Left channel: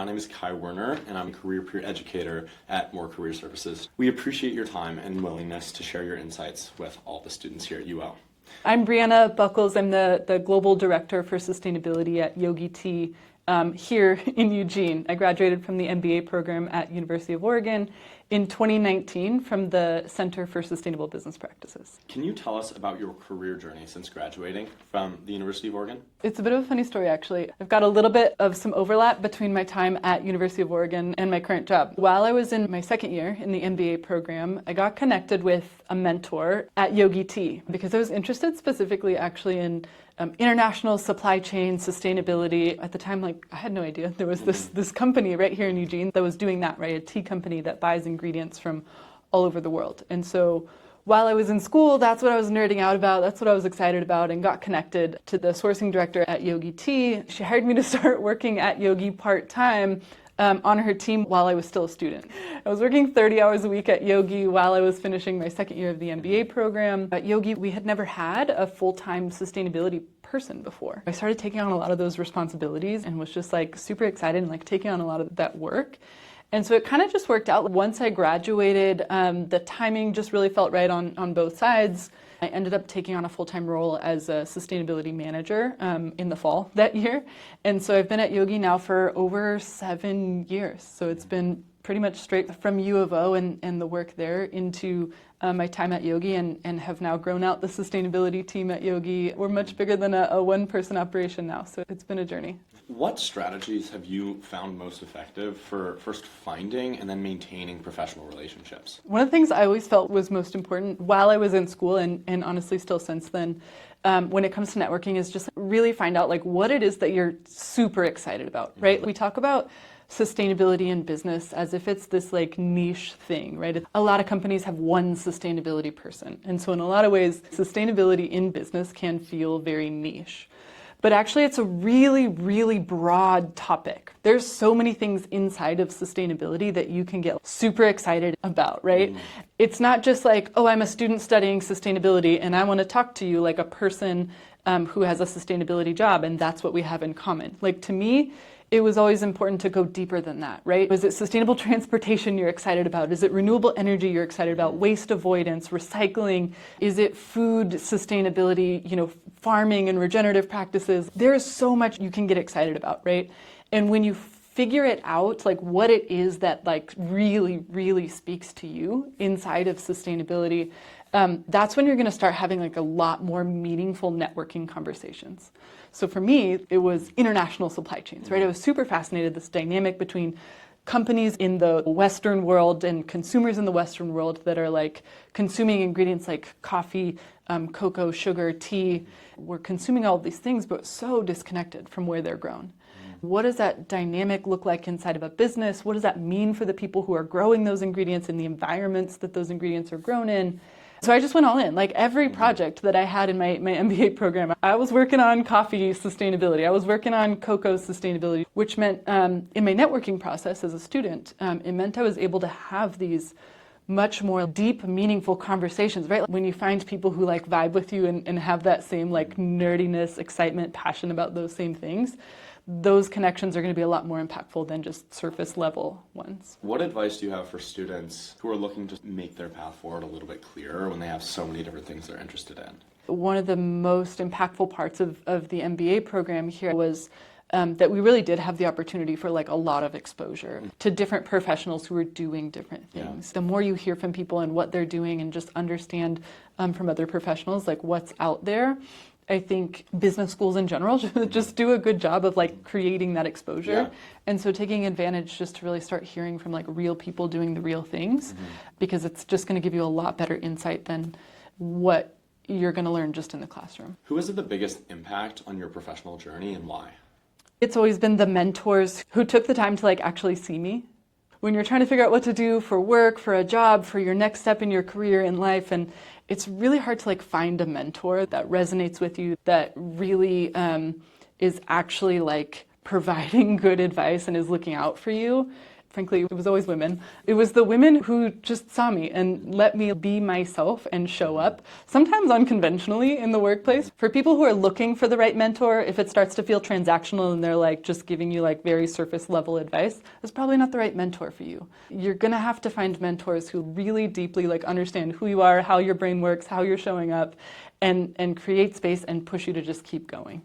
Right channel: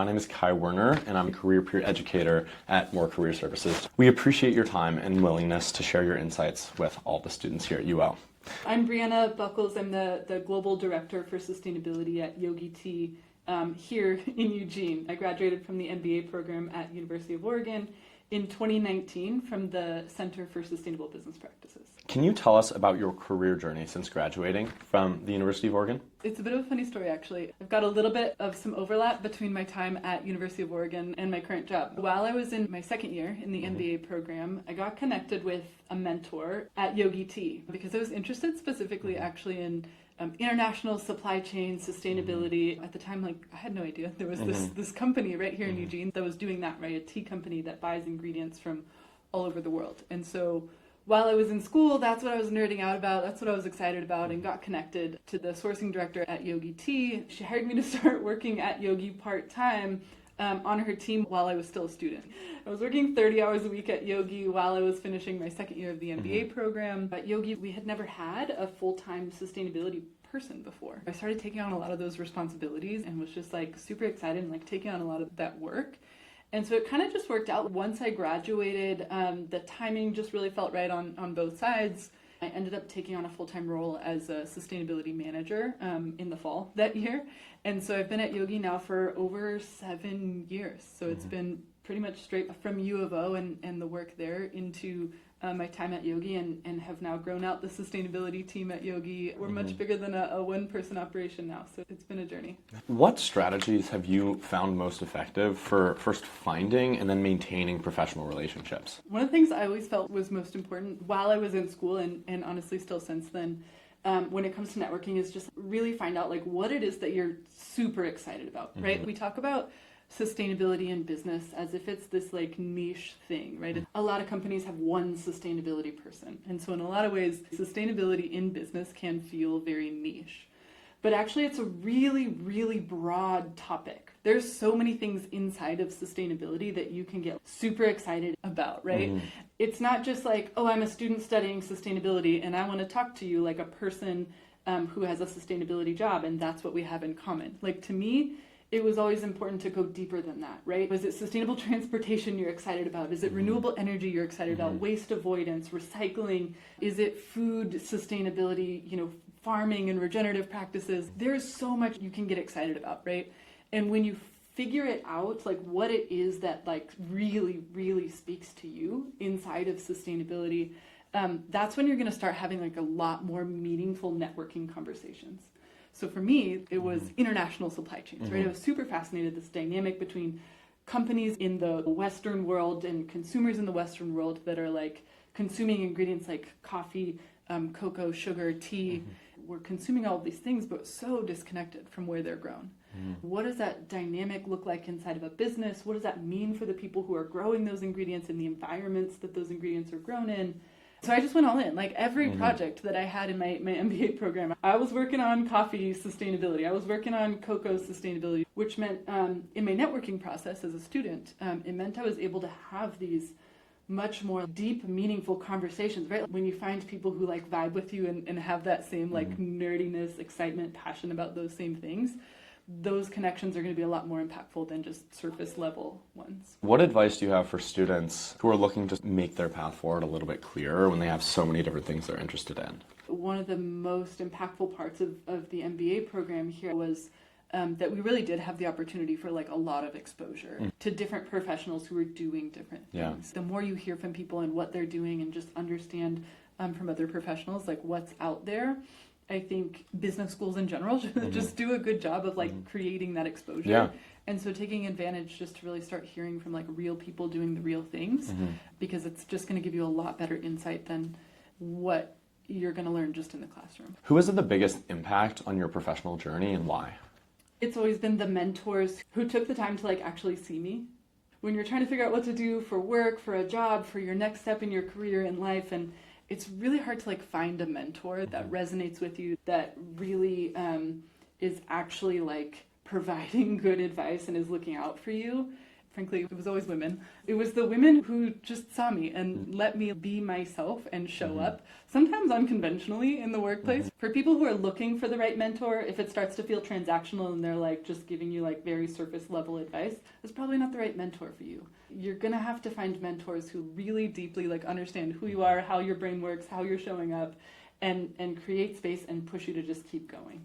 My name is Kai Werner, and I'm a career peer educator at More Career Services. We appreciate your time and willingness to share your insights with all the students here at UL. I'm Briana Buckles. I'm the Global Director for Sustainability at Yogi Tea here in Eugene. I graduated from the MBA program at University of Oregon in 2019 from the Center for Sustainable Business Practices. Can you tell us about your career journey since graduating from the University of Oregon? It's a bit of a funny story, actually. I've got a little bit of some overlap between my time at University of Oregon and my current job. While I was in my second year in the MBA program, I got connected with a mentor at Yogi Tea because I was interested specifically actually in international supply chain sustainability. At the time, I had no idea there was this company right here in Eugene that was doing that, right? A tea company that buys ingredients from all over the world. And so while I was in school, that's what I was nerding out about. That's what I was excited about, and got connected to the sourcing director at Yogi Tea. She hired me to start working at Yogi part-time on her team while I was still a student. I was working 30 hours a week at Yogi while I was finishing my second year of the MBA program. At Yogi, we had never had a full-time sustainability person before. I started taking on a lot of those responsibilities and was just super excited and taking on a lot of that work. And so it kind of just worked out. Once I graduated, the timing just really felt right on both sides. I ended up taking on a full-time role as a sustainability manager in the fall that year. And so I've been at Yogi now for over 7 years. So it's been pretty much straight from U of O and the work there into my time at Yogi, and have now grown out the sustainability team at Yogi. We're much bigger than a one-person operation now, so it's been a journey. What strategies have you found most effective for first finding and then maintaining professional relationships? One of the things I always felt was most important while I was in school, and honestly still since then, when it comes to networking, is just really find out what it is that you're super excited about, right? We talk about sustainability in business as if it's this niche thing, right? A lot of companies have one sustainability person. And so in a lot of ways, sustainability in business can feel very niche. But actually it's a really, really broad topic. There's so many things inside of sustainability that you can get super excited about, right? It's not just oh, I'm a student studying sustainability and I want to talk to you like a person who has a sustainability job, and that's what we have in common. To me, it was always important to go deeper than that, right? Is it sustainable transportation you're excited about? Is it renewable energy you're excited about? Waste avoidance, recycling? Is it food sustainability, farming and regenerative practices? There's so much you can get excited about, right? And when you figure it out, what it is that really, really speaks to you inside of sustainability, that's when you're gonna start having a lot more meaningful networking conversations. So for me, it was international supply chains, right? I was super fascinated, this dynamic between companies in the Western world and consumers in the Western world that are consuming ingredients like coffee, cocoa, sugar, tea. We're consuming all of these things, but so disconnected from where they're grown. What does that dynamic look like inside of a business? What does that mean for the people who are growing those ingredients and the environments that those ingredients are grown in? So I just went all in. Every project that I had in my MBA program, I was working on coffee sustainability. I was working on cocoa sustainability, which meant in my networking process as a student, it meant I was able to have these much more deep, meaningful conversations, right? When you find people who vibe with you and have that same nerdiness, excitement, passion about those same things, those connections are going to be a lot more impactful than just surface level ones. What advice do you have for students who are looking to make their path forward a little bit clearer when they have so many different things they're interested in? One of the most impactful parts of the MBA program here was that we really did have the opportunity for a lot of exposure to different professionals who are doing different things. The more you hear from people and what they're doing and just understand from other professionals what's out there, I think business schools in general just do a good job of creating that exposure. Yeah. And so taking advantage just to really start hearing from real people doing the real things, because it's just going to give you a lot better insight than what you're going to learn just in the classroom. Who has had the biggest impact on your professional journey and why? It's always been the mentors who took the time to actually see me. When you're trying to figure out what to do for work, for a job, for your next step in your career in life, and it's really hard to find a mentor that resonates with you, that really is actually providing good advice and is looking out for you. frankly, it was always women. It was the women who just saw me and let me be myself and show up, sometimes unconventionally in the workplace. For people who are looking for the right mentor, if it starts to feel transactional and they're like just giving you like very surface level advice, it's probably not the right mentor for you. You're gonna have to find mentors who really deeply like understand who you are, how your brain works, how you're showing up, and create space and push you to just keep going.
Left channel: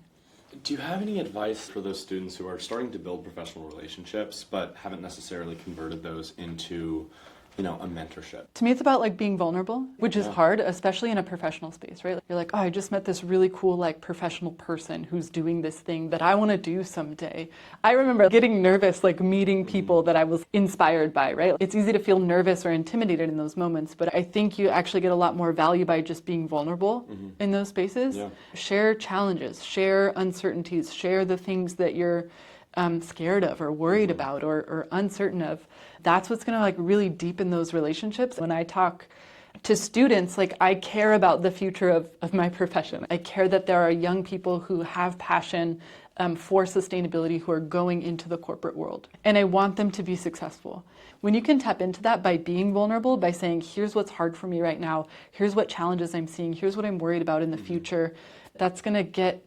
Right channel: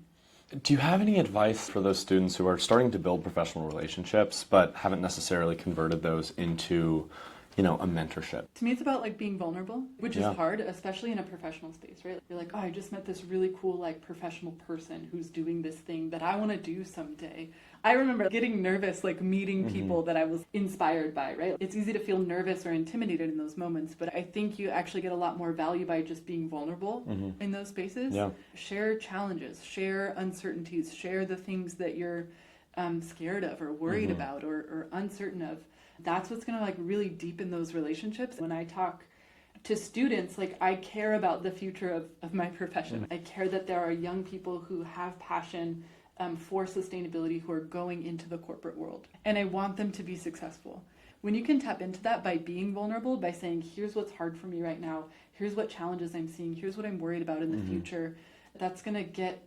Do you have any advice for those students who are starting to build professional relationships but haven't necessarily converted those into, a mentorship? To me, it's about like being vulnerable, which is hard, especially in a professional space, right? You're like, oh, I just met this really cool like professional person who's doing this thing that I want to do someday. I remember getting nervous, like meeting people that I was inspired by, right? It's easy to feel nervous or intimidated in those moments, but I think you actually get a lot more value by just being vulnerable in those spaces. Yeah. Share challenges, share uncertainties, share the things that you're scared of or worried about or uncertain of. That's what's going to like really deepen those relationships. When I talk to students, like I care about the future of my profession. I care that there are young people who have passion for sustainability who are going into the corporate world. And I want them to be successful. When you can tap into that by being vulnerable, by saying, here's what's hard for me right now, here's what challenges I'm seeing, here's what I'm worried about in the future, that's going to get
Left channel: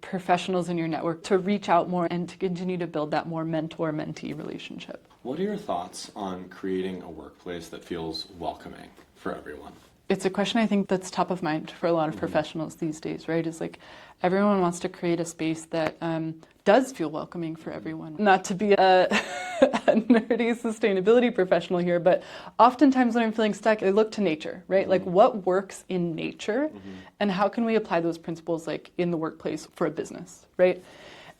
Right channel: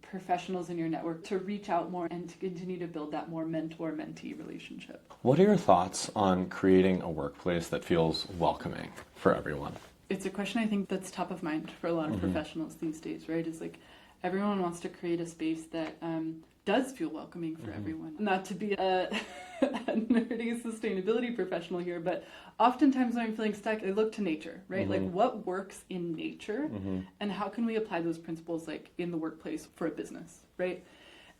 professionals in your network to reach out more and to continue to build that more mentor-mentee relationship. What are your thoughts on creating a workplace that feels welcoming for everyone? It's a question I think that's top of mind for a lot of professionals these days, right? It's like everyone wants to create a space that does feel welcoming for everyone. Not to be a nerdy sustainability professional here, but oftentimes when I'm feeling stuck, I look to nature, right? Like what works in nature and how can we apply those principles like in the workplace for a business, right?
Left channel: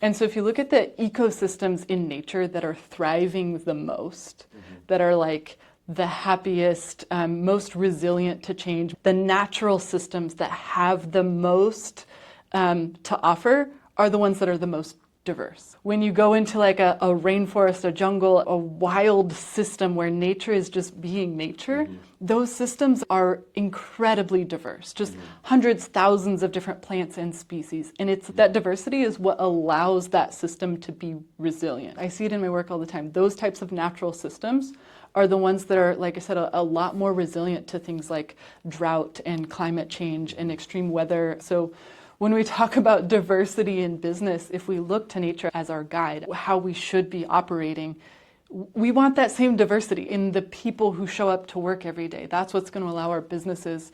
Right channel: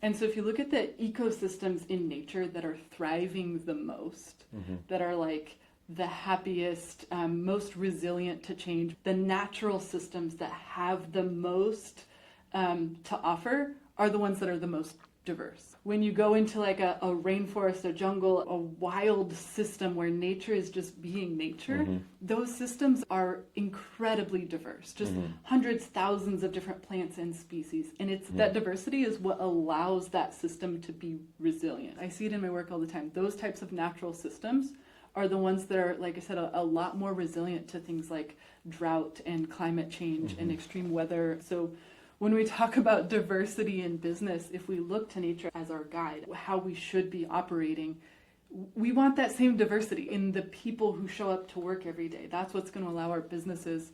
And so if you look at the ecosystems in nature that are thriving the most, that are like the happiest, most resilient to change, the natural systems that have the most to offer are the ones that are the most diverse. When you go into like a rainforest, a jungle, a wild system where nature is just being nature, those systems are incredibly diverse, just hundreds, thousands of different plants and species. And it's that diversity is what allows that system to be resilient. I see it in my work all the time. Those types of natural systems are the ones that are, like I said, a lot more resilient to things like drought and climate change and extreme weather. So when we talk about diversity in business, if we look to nature as our guide, how we should be operating, we want that same diversity in the people who show up to work every day. That's what's going to allow our businesses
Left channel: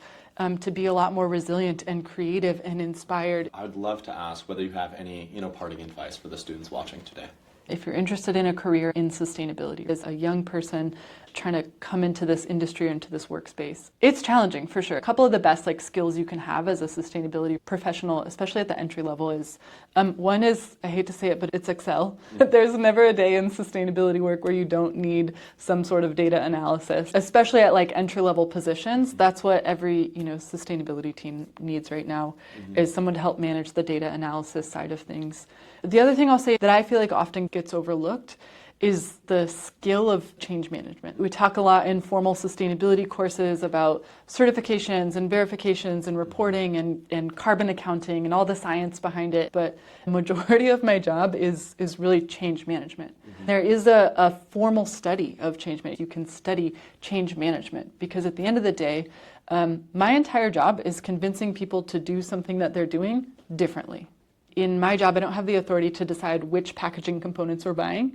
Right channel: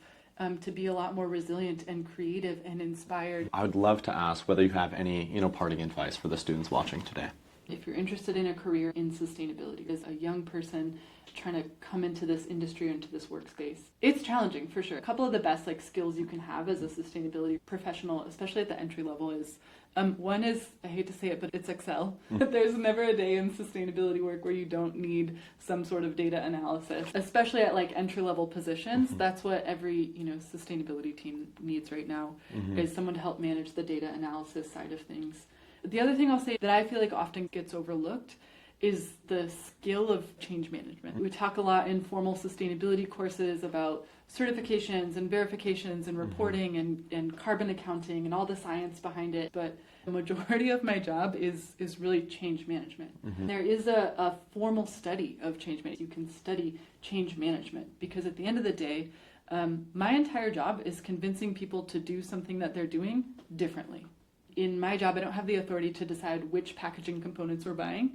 to be a lot more resilient and creative and inspired. I would love to ask whether you have any, parting advice for the students watching today. If you're interested in a career in sustainability, as a young person trying to come into this industry or into this workspace, it's challenging for sure. A couple of the best skills you can have as a sustainability professional, especially at the entry level, is one is, I hate to say it, but it's Excel. There's never a day in sustainability work where you don't need some sort of data analysis, especially at entry level positions. That's what every sustainability team needs right now, is someone to help manage the data analysis side of things. The other thing I'll say that I feel like often gets overlooked is the skill of change management. We talk a lot in formal sustainability courses about certifications and verifications and reporting and carbon accounting and all the science behind it, but the majority of my job is really change management. There is a formal study of change management. You can study change management because at the end of the day, my entire job is convincing people to do something that they're doing differently. In my job, I don't have the authority to decide which packaging components we're buying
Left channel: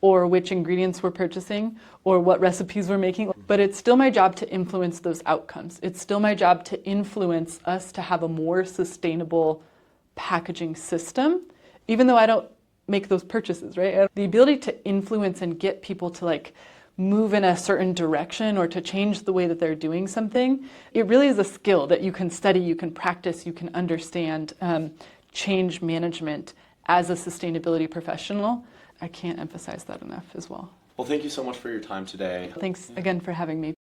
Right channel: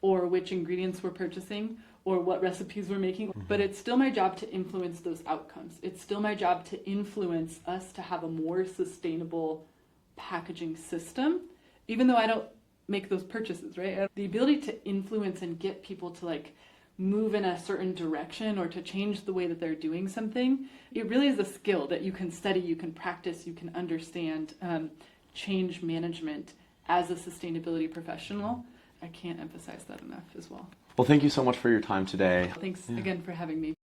or which ingredients we're purchasing or what recipes we're making, but it's still my job to influence those outcomes. It's still my job to influence us to have a more sustainable packaging system, even though I don't make those purchases, right? The ability to influence and get people to move in a certain direction or to change the way that they're doing something, it really is a skill that you can study, you can practice, you can understand. Change management as a sustainability professional, I can't emphasize that enough as well. Well, thank you so much for your time today. Thanks again for having me.